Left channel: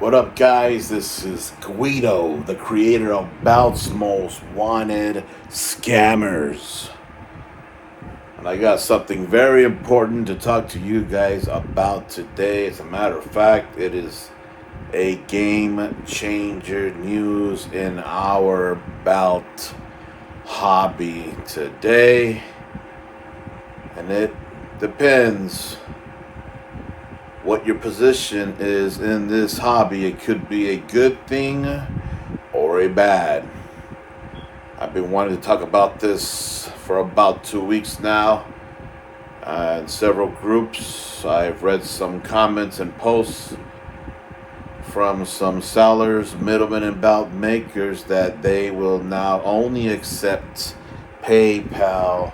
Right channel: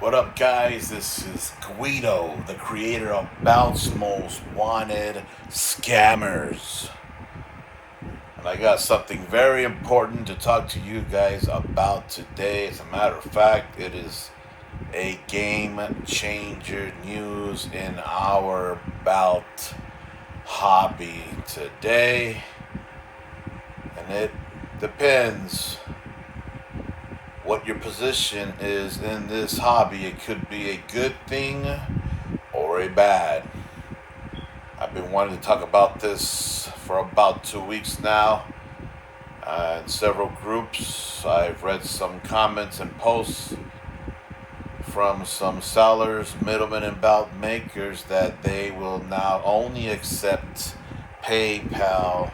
What up, guys? This is Guido, the creator of Bout's Most Wanted Scammers. And I got something very important to talk to you guys about today. As a matter of fact, it is a game changer news in our Bout hobby today. And it depends what your position is in this hobby. It could be a good thing or a bad. I've been wanting to talk about this for about 2 weeks now in several groups. I've read some comments and posts from some sellers, middlemen, and bout makers that they will now only accept PayPal,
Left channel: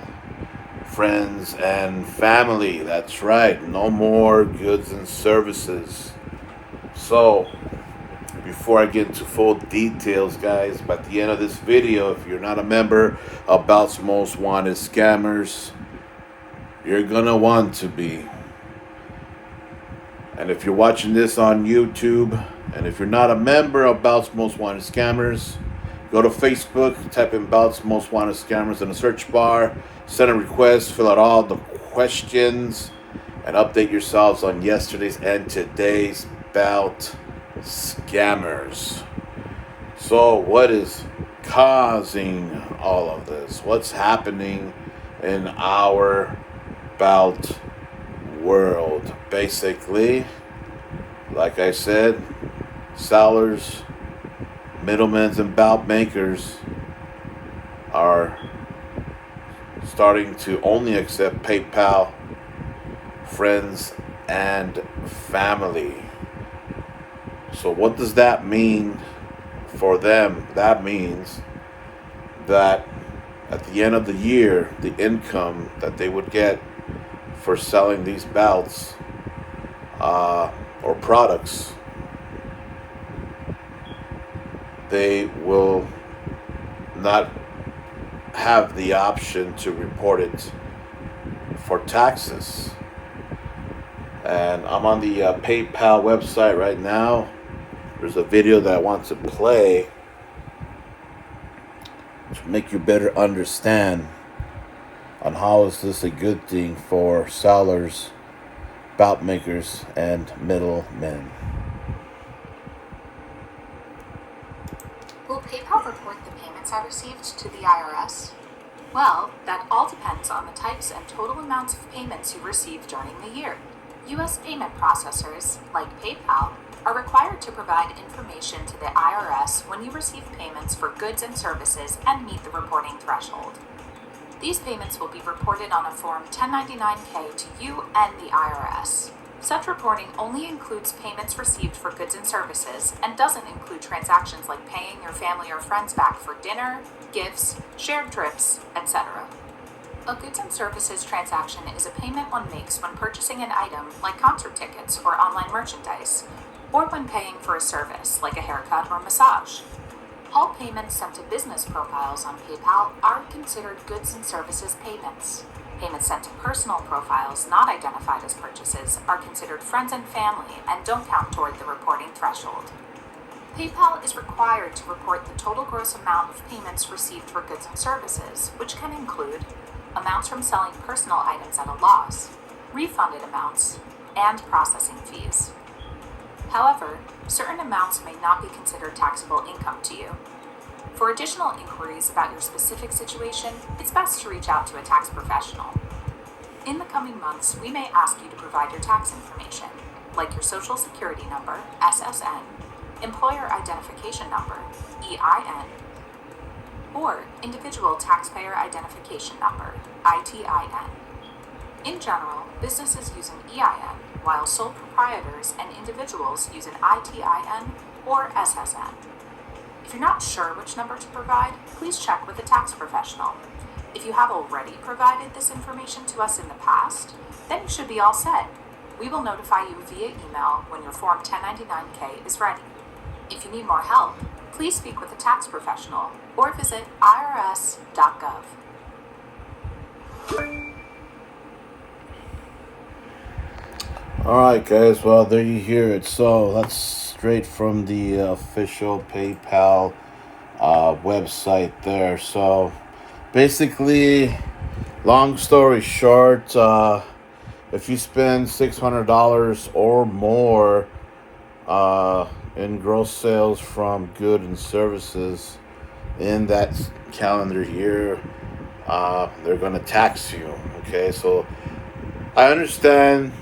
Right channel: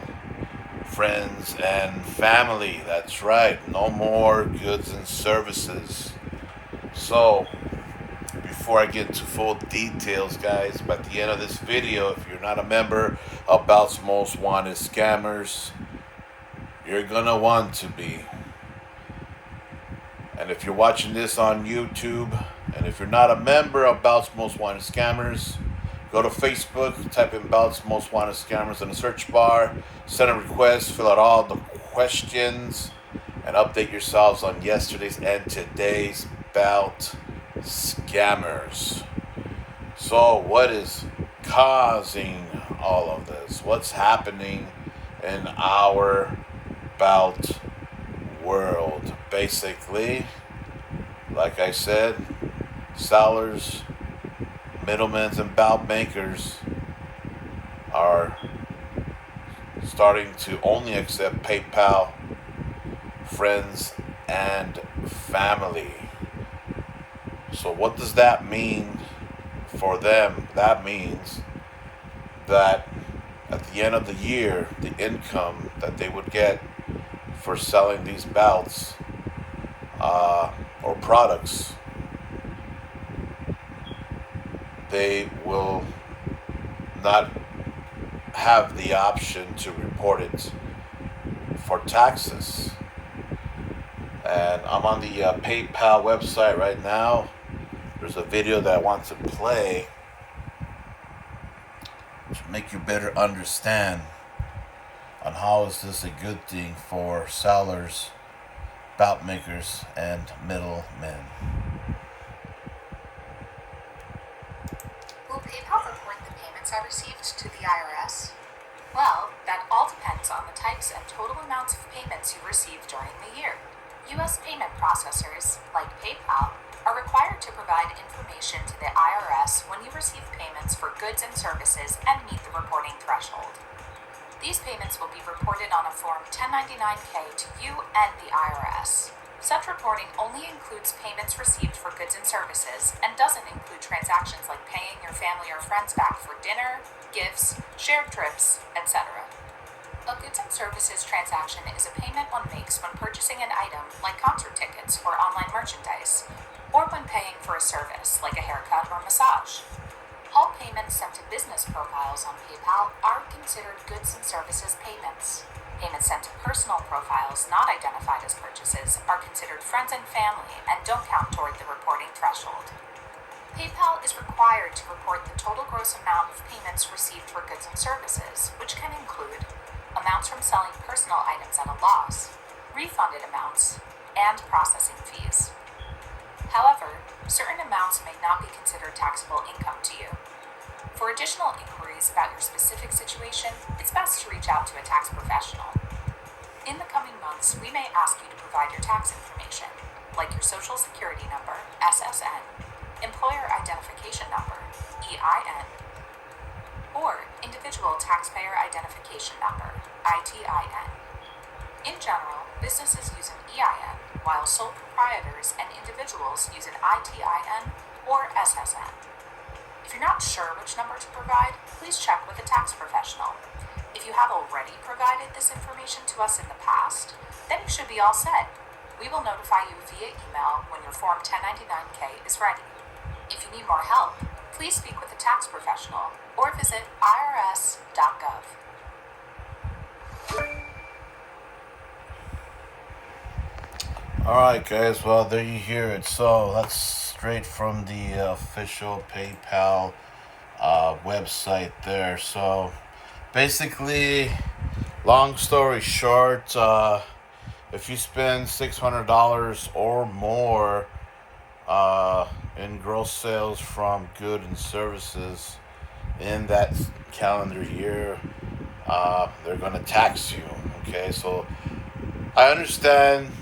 friends, and family. That's right, no more goods and services. So before I get into full details, guys, at the end of this video, if you're not a member of Bout's Most Wanted Scammers, you're gonna want to be. And if you're watching this on YouTube, and if you're not a member of Bout's Most Wanted Scammers, go to Facebook, type in Bout's Most Wanted Scammers in the search bar, send a request, fill out all the questions, and update yourselves on yesterday's and today's Bout scammers. So what is causing all of this? What's happening in our Bout world? Basically, like I said, sellers, middlemen, and bout makers are starting to only accept PayPal, friends, and family. So what does that mean for them? That means that at the end of the year, the income that they would get for selling these bouts or products, they will not have the option to report it for taxes. And I'm on the PayPal website right now. There's a video that I want to play to make you better understand on how is this a good thing for sellers, bout makers, and middlemen. Will PayPal report the payments I received to the IRS? Well, that all depends on the types and total amounts of payments you received during the year. U.S. payment processors, like PayPal, are required to provide information to the IRS when you receive payments for goods and services and meet the reporting threshold. These payments will be reported on a Form 1099-K to you and the IRS. Such reporting only includes payments received for goods and services and doesn't include transactions like paying your family or friends back for dinner, gifts, shared trips, etc. A goods and services transaction is a payment one makes when purchasing an item like concert tickets or online merchandise, or when paying for a service like a haircut or massage. All payments sent to business profiles on PayPal are considered goods and services payments. Payments sent to personal profiles not identified as purchases are considered friends and family and don't count toward the reporting threshold. PayPal is required to report the total gross amount of payments received for goods and services, which can include amounts from selling personal items at a loss, refunded amounts, and processing fees. However, certain amounts may not be considered taxable income to you. For additional inquiries about your specific situation, it's best to reach out to a tax professional. In the coming months, we may ask you to provide your tax information, like your Social Security number, SSN, Employer Identification Number, EIN, or Individual Taxpayer Identification Number, ITIN. In general, businesses use an EIN, while sole proprietors and individuals use an ITIN or SSN. If you're not sure which number to provide, please check with a tax professional. If you have already provided this information to us in the past, then you should be all set. We will notify you via email when your Form 1099-K is ready. If you need more help, please speak with a tax professional or visit irs.gov. Alright, guys, well, there you hear it. So let's straight from the official PayPal website there. So basically, long story short, if you spend $600 or more in gross sales from goods and services in that calendar year, they're going to tax you. Okay, so I understand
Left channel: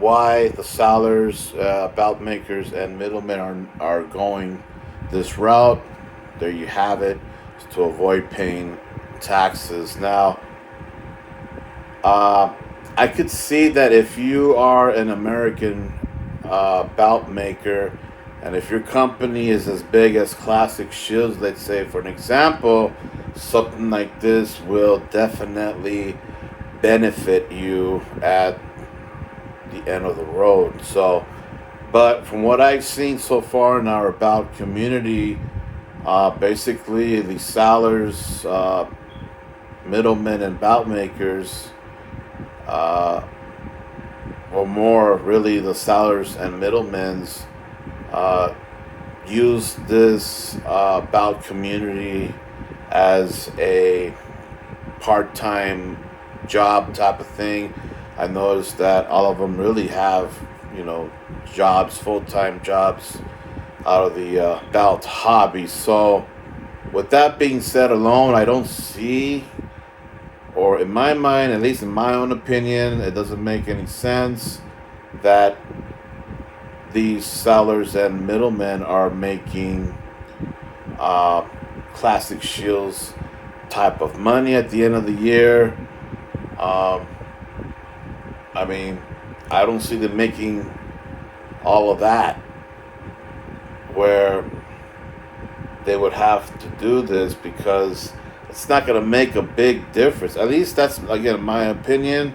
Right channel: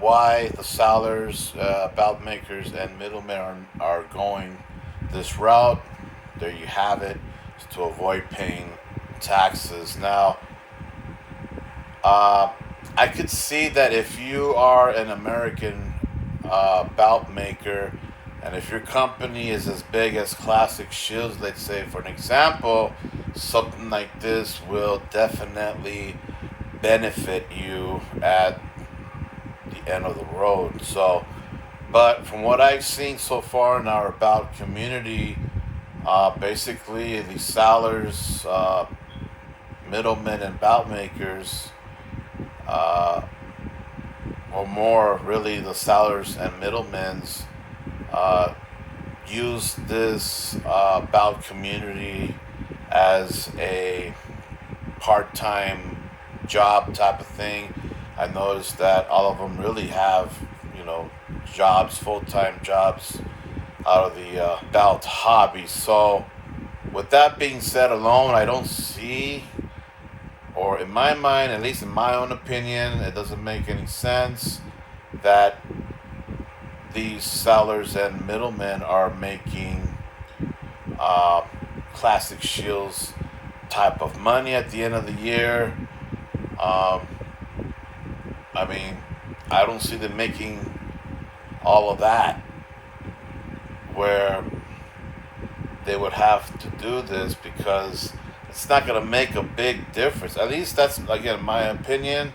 why the sellers, belt makers, and middlemen are going this route. There you have it, to avoid paying taxes. Now, I could see that if you are an American belt maker, and if your company is as big as Classic Shields, let's say for an example, something like this will definitely benefit you at the end of the road. So, but from what I've seen so far in our belt community, basically the sellers, middlemen, and belt makers, or more really the sellers and middlemen's, use this belt community as a part-time job type of thing. I noticed that all of them really have, jobs, full-time jobs out of the belt hobby. So with that being said alone, I don't see, or in my mind, at least in my own opinion, it doesn't make any sense that these sellers and middlemen are making Classic Shields type of money at the end of the year. I mean, I don't see them making all of that where they would have to do this, because it's not going to make a big difference. At least that's, again, my opinion.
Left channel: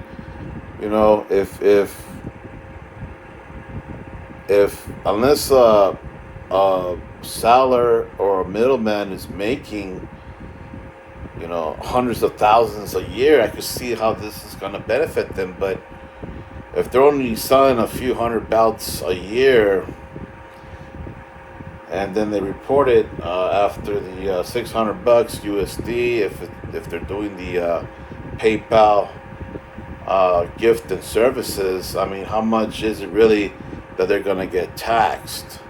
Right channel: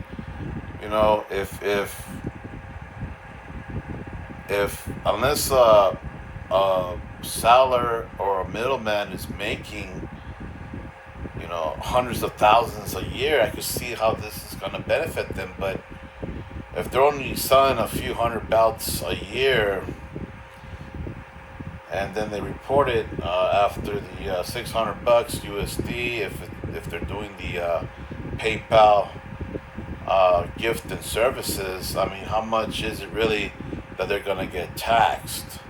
If unless a seller or a middleman is making hundreds of thousands a year, I can see how this is going to benefit them. But if they're only selling a few hundred belts a year, and then they report it after the $600 USD, if they're doing the PayPal gift and services, I mean, how much is it really that they're going to get taxed?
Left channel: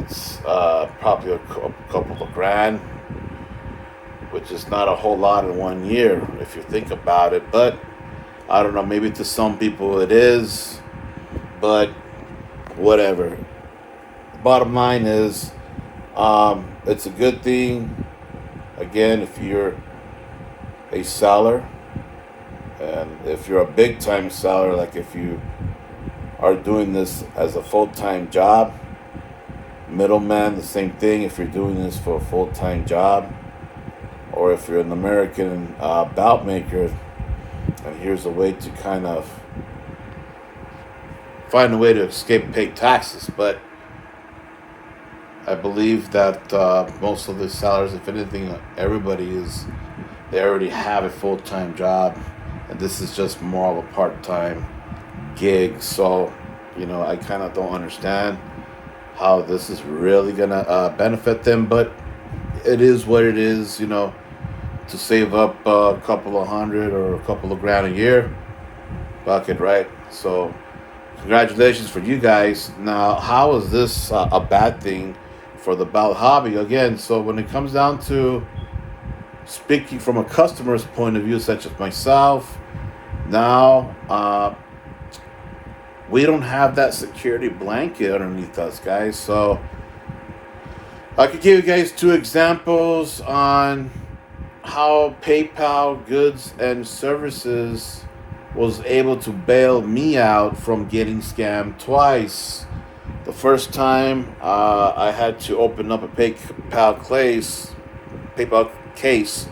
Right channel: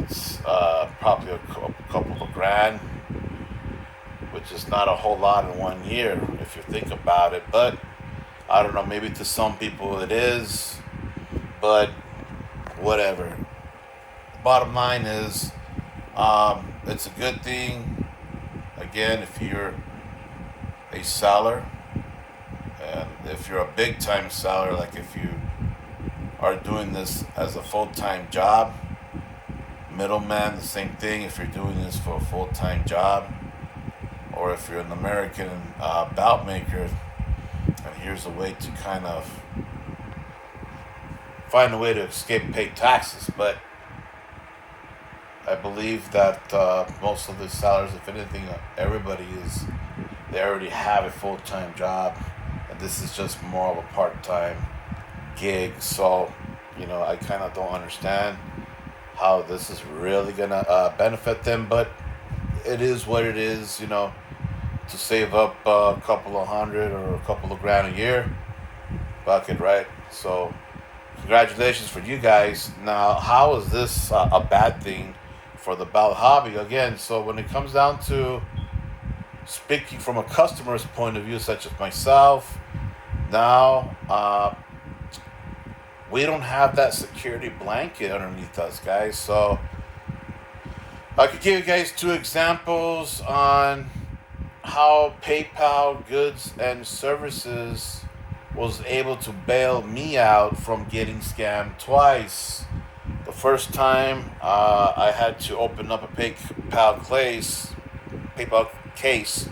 It's probably a couple of grand, which is not a whole lot in 1 year if you think about it. But I don't know, maybe to some people it is, but whatever. Bottom line is, it's a good thing, again, if you're a seller, and if you're a big time seller, like if you are doing this as a full-time job. Middleman, the same thing, if you're doing this for a full-time job, or if you're an American belt maker, and here's a way to kind of find a way to escape paying taxes. But I believe that most of the sellers, if anything, they already have a full-time job, and this is just more of a part-time gig. So, I kind of don't understand how this is really gonna benefit them, but it is what it is. To save up a couple of hundred or a couple of grand a year, bucket, right? So congratulations for you guys. Now, how is this a bad thing for the belt hobby? Again, so when it comes down to speaking from a customer's point of view, such as myself, now we don't have that security blanket underneath us, guys. So I could give you guys two examples on how PayPal goods and services was able to bail me out from getting scammed twice. The first time I had to open up a PayPal case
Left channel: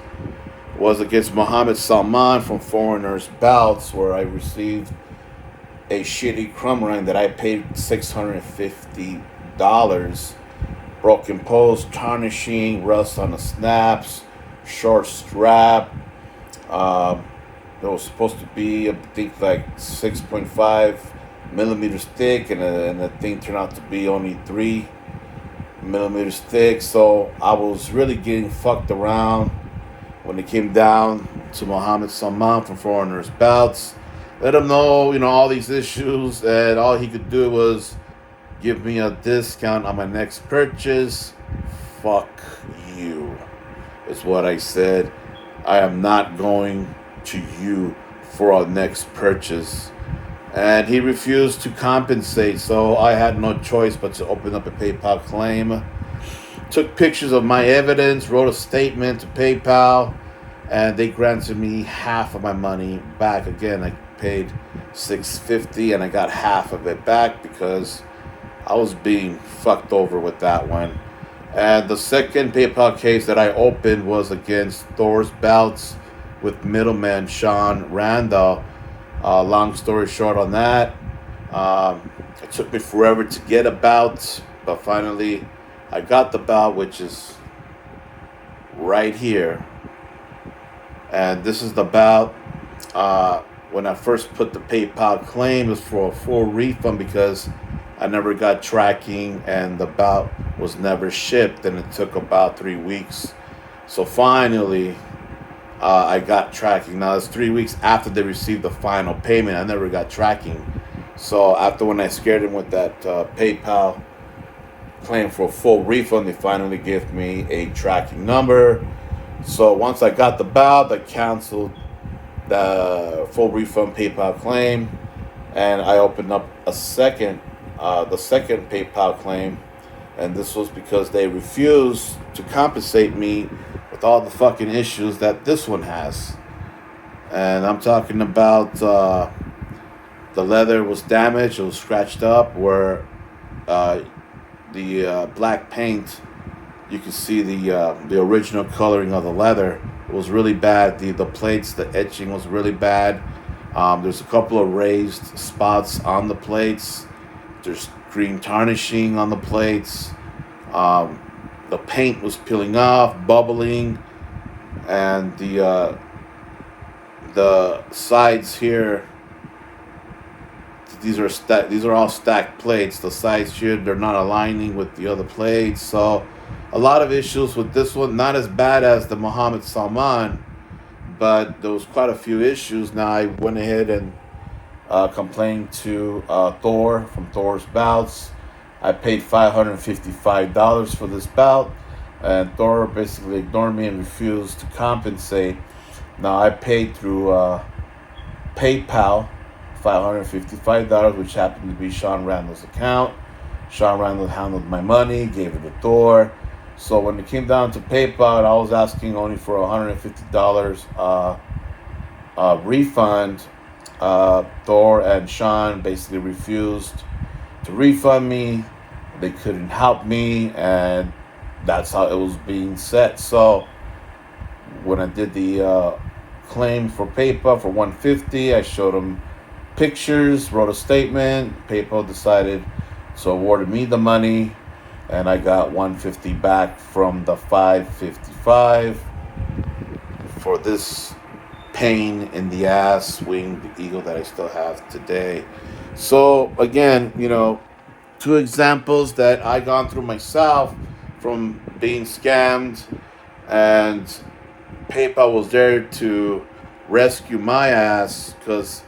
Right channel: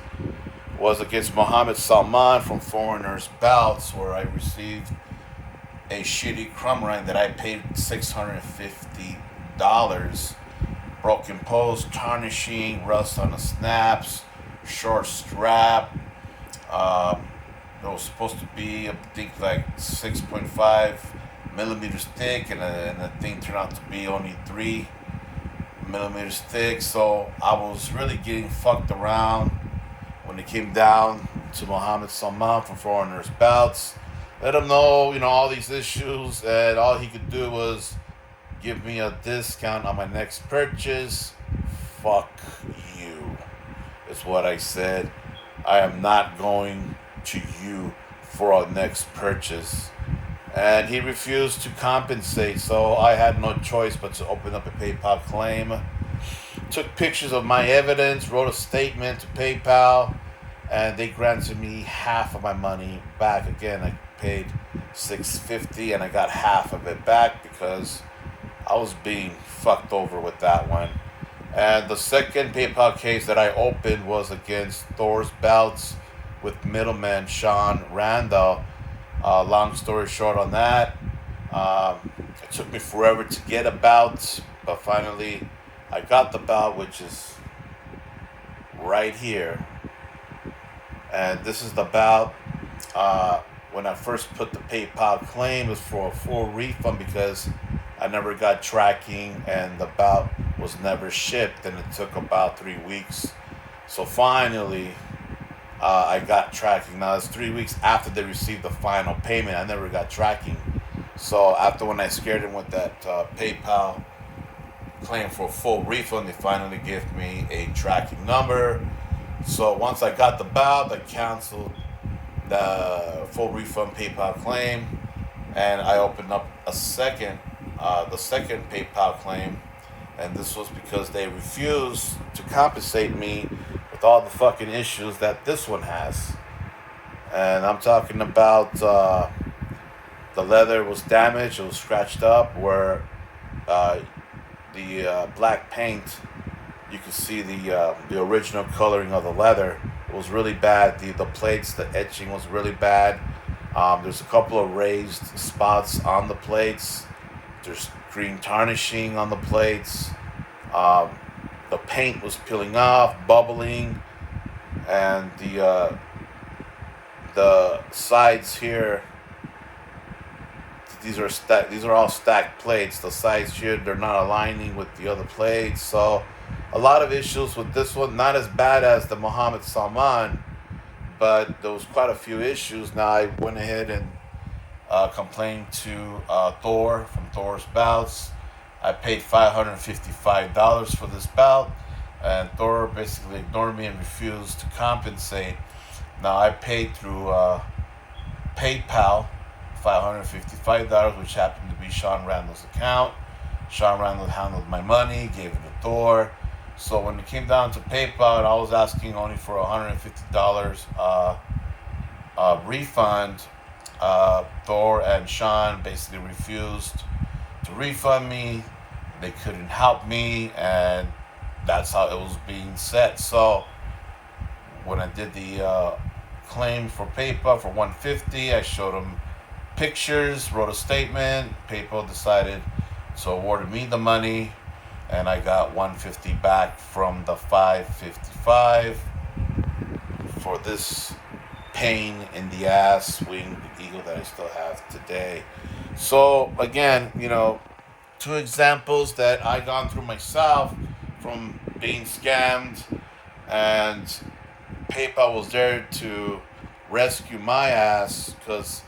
was against Mohammed Salman from Foreigners Belts, where I received a shitty crumb that I paid $650. Broken post, tarnishing, rust on the snaps, short strap. It was supposed to be, I think, like 6.5 millimeters thick, and the thing turned out to be only 3 millimeters thick. So I was really getting fucked around when it came down to Mohammed Salman for foreigners bouts. Let him know, all these issues, and all he could do was give me a discount on my next purchase. Fuck you, is what I said. I am not going to you for our next purchase. And he refused to compensate, so I had no choice but to open up a PayPal claim. Took pictures of my evidence, wrote a statement to PayPal, and they granted me half of my money back. Again, I paid $650 and I got half of it back because I was being fucked over with that one. And the second PayPal case that I opened was against Thor's Bouts with middleman Sean Randall. Long story short on that, it took me forever to get a bout, but finally I got the bout, which is right here. And this is the bout. When I first put the PayPal claim, it was for a full refund because I never got tracking and the bout was never shipped, and it took about 3 weeks. So finally, I got tracking. Now it's 3 weeks after they received the final payment. I never got tracking. So after when I scared them with that PayPal claim for a full refund, they finally gave me a tracking number. So once I got the bout, I canceled the full refund PayPal claim, and I opened up the second PayPal claim, and this was because they refused to compensate me with all the fucking issues that this one has. And I'm talking about the leather was damaged, it was scratched up, where the black paint, you can see the original coloring of the leather. It was really bad. The plates, the etching was really bad. There's a couple of raised spots on the plates. There's green tarnishing on the plates. The paint was peeling off, bubbling, and the sides here. These are all stacked plates. The sides here, they're not aligning with the other plates. So a lot of issues with this one. Not as bad as the Mohammed Salman, but there was quite a few issues. Now I went ahead and complained to Thor from Thor's Bouts. I paid $555 for this bout, and Thor basically ignored me and refused to compensate. Now I paid through PayPal $555, which happened to be Sean Randall's account. Sean Randall handled my money, gave it to Thor. So when it came down to PayPal, I was asking only for $150 refund. Thor and Sean basically refused to refund me. They couldn't help me, and that's how it was being set. So when I did the claim for PayPal for $150, I showed them pictures, wrote a statement. PayPal decided to award me the money, and I got $150 back from the $555 for this pain in the ass winged eagle that I still have today. So again, 2 examples that I gone through myself from being scammed, and PayPal was there to rescue my ass, because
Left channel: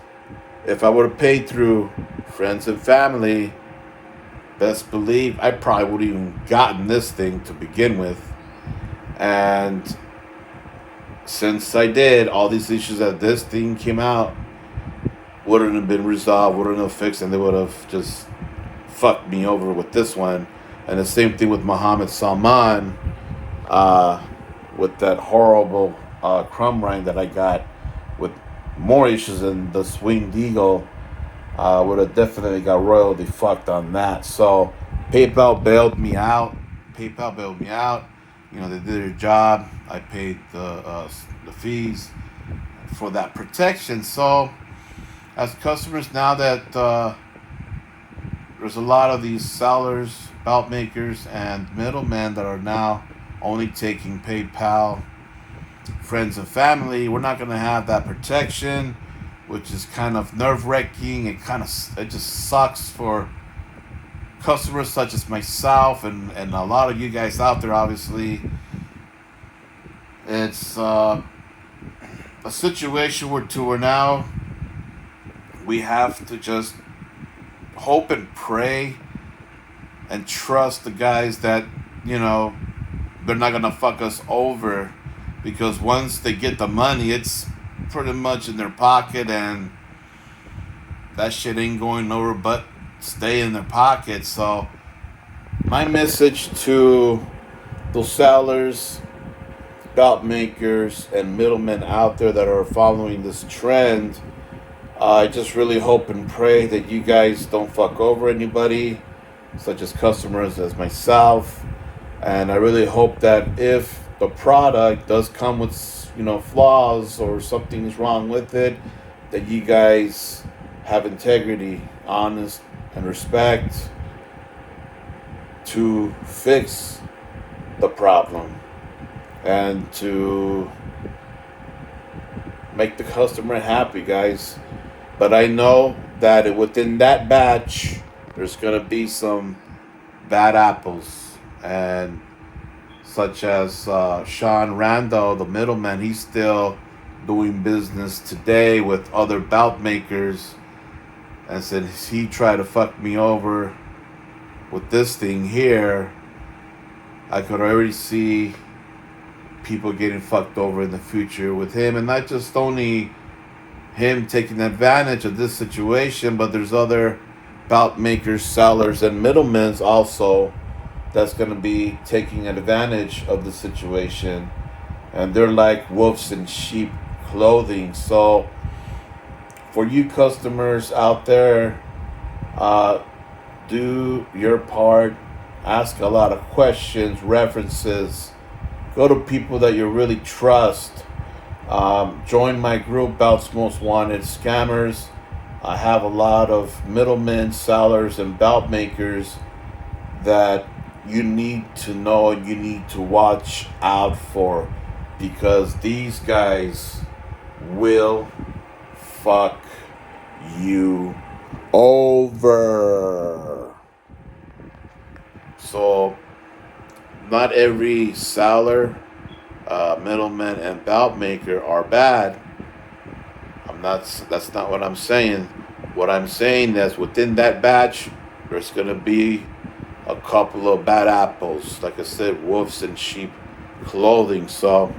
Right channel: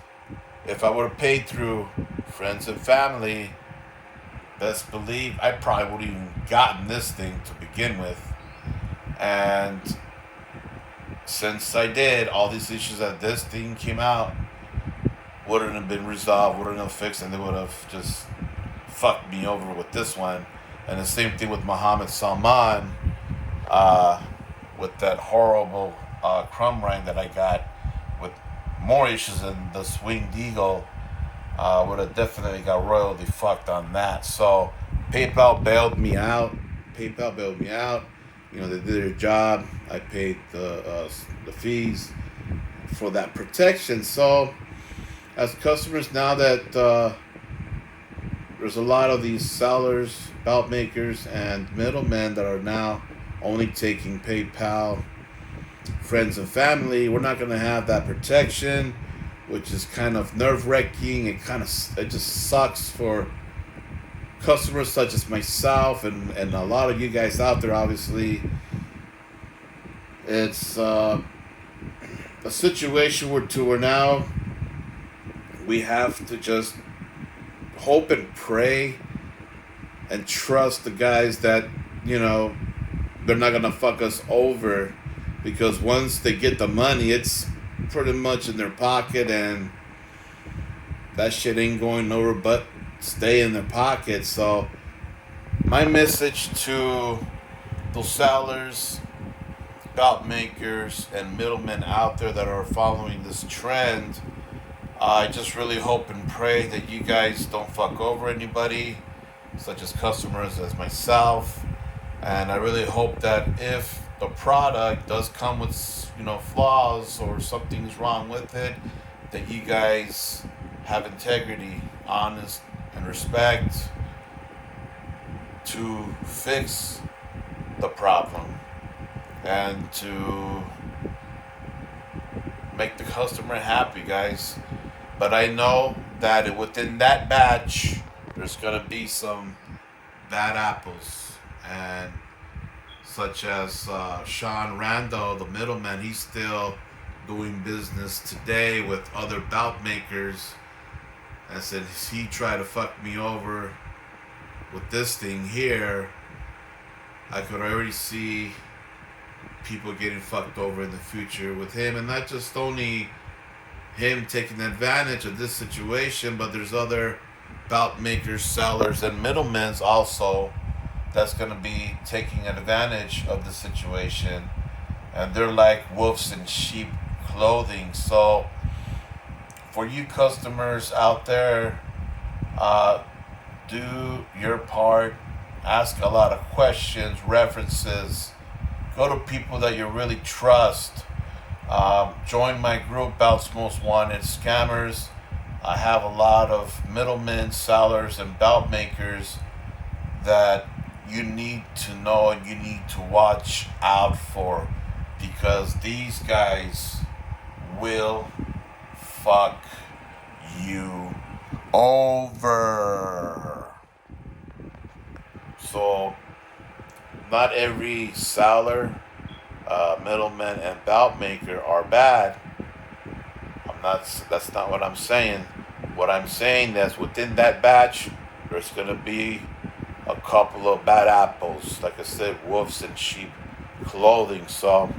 if I would have paid through friends and family, best believe I probably would have even gotten this thing to begin with. And since I did, all these issues that this thing came out wouldn't have been resolved, wouldn't have fixed, and they would have just fucked me over with this one. And the same thing with Mohammed Salman, with that horrible crumb rind that I got, with more issues than the Winged Eagle. Would have definitely got royally fucked on that. So PayPal bailed me out. They did their job. I paid the fees for that protection. So as customers, now that there's a lot of these sellers, bout makers, and middlemen that are now only taking PayPal, friends and family, we're not going to have that protection. which is kind of nerve-wracking. It just sucks for customers such as myself and a lot of you guys out there. Obviously, it's a situation where now we have to just hope and pray and trust the guys that, you know, they're not gonna fuck us over, because once they get the money, it's pretty much in their pocket, and that shit ain't going nowhere but stay in their pocket. So my message to those sellers, belt makers, and middlemen out there that are following this trend, I just really hope and pray that you guys don't fuck over anybody, such as customers as myself. And I really hope that if the product does come with, you know, flaws or something's wrong with it, that you guys have integrity, honest, and respect to fix the problem and to make the customer happy, guys. But I know that within that batch, there's going to be some bad apples, and such as Sean Randall, the middleman, he's still doing business today with other belt makers, and since he tried to fuck me over with this thing here, I could already see people getting fucked over in the future with him. And not just only him taking advantage of this situation, but there's other belt makers, sellers, and middlemen also that's going to be taking advantage of the situation, and they're like wolves in sheep clothing. So for you customers out there, do your part, ask a lot of questions, references, go to people that you really trust. Join my group, Belts Most Wanted Scammers. I have a lot of middlemen, sellers, and belt makers that you need to know and you need to watch out for, because these guys will fuck you over. So not every seller, middleman, and belt maker are bad. That's not what I'm saying. What I'm saying is within that batch, there's going to be a couple of bad apples. Like I said, wolves in sheep clothing. So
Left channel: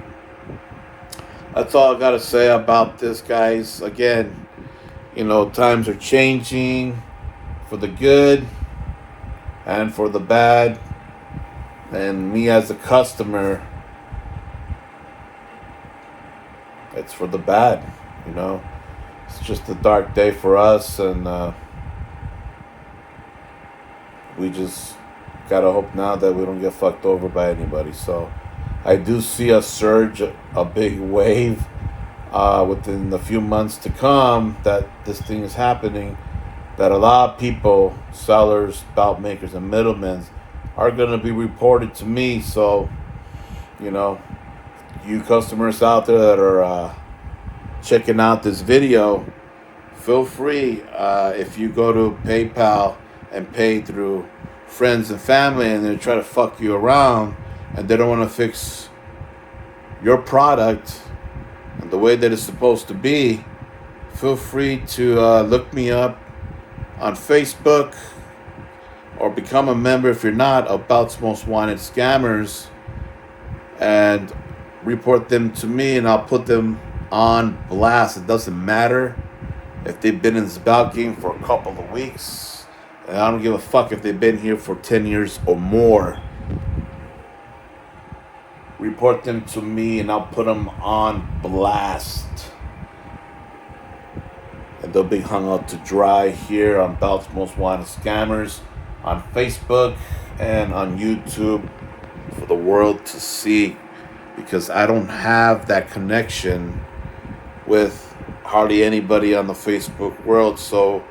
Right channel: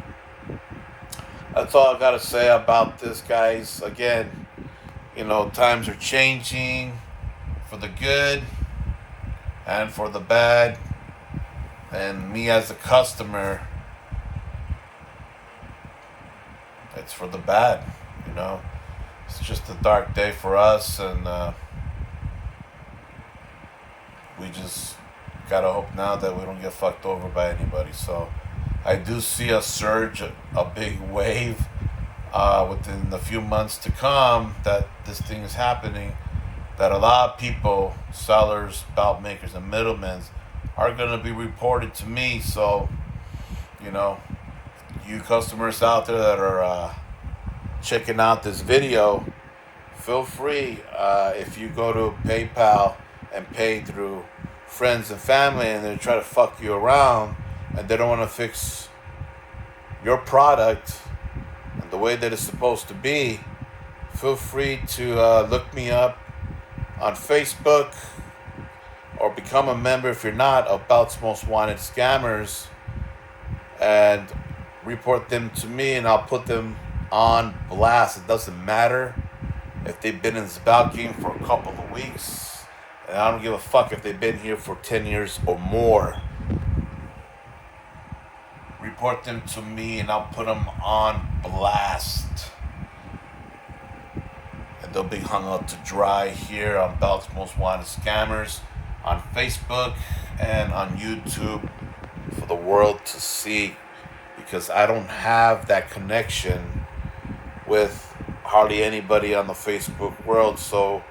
that's all I got to say about this, guys. Again, you know, times are changing for the good and for the bad. And me as a customer, it's for the bad, you know. It's just a dark day for us, and we just gotta hope now that we don't get fucked over by anybody. So I do see a surge, a big wave within the few months to come that this thing is happening, that a lot of people, sellers, belt makers, and middlemen are going to be reported to me. So, you know, you customers out there that are checking out this video, feel free, if you go to PayPal and pay through friends and family and they try to fuck you around and they don't want to fix your product the way that it's supposed to be, feel free to look me up on Facebook or become a member, if you're not, of Belts Most Wanted Scammers, and report them to me, and I'll put them on blast. It doesn't matter if they've been in this belt game for a couple of weeks, and I don't give a fuck if they've been here for 10 years or more. Report them to me and I'll put them on blast, and they'll be hung out to dry here on Belts Most Wanted Scammers on Facebook and on YouTube for the world to see, because I don't have that connection with hardly anybody on the Facebook world, so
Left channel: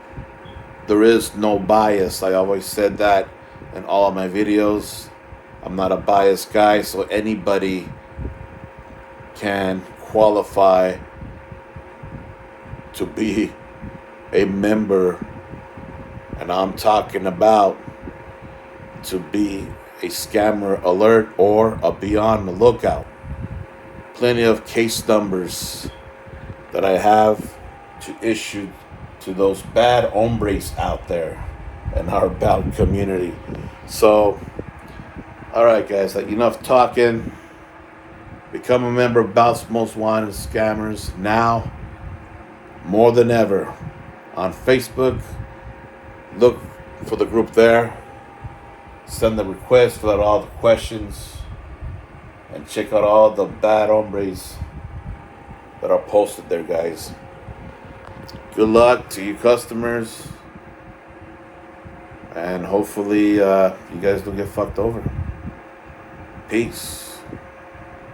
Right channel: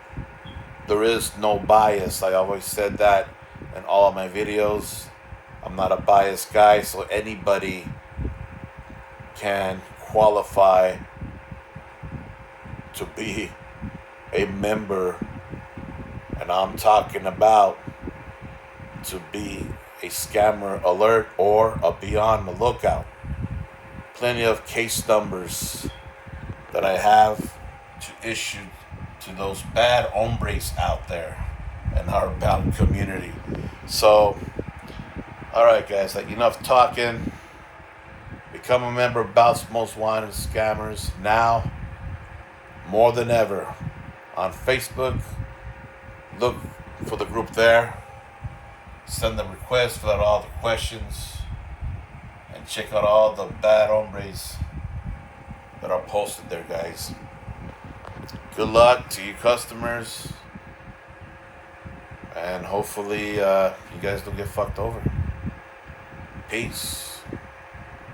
there is no bias. I always said that in all my videos. I'm not a biased guy, so anybody can qualify to be a member, and I'm talking about to be a scammer alert or a be on the lookout. Plenty of case numbers that I have to issue to those bad hombres out there in our bad community. So, alright guys, enough talking. Become a member of Bout's Most Wanted Scammers now more than ever on Facebook. Look for the group there. Send the request, fill out all the questions, and check out all the bad hombres that are posted there, guys. Good luck to you customers, and hopefully you guys don't get fucked over. Peace.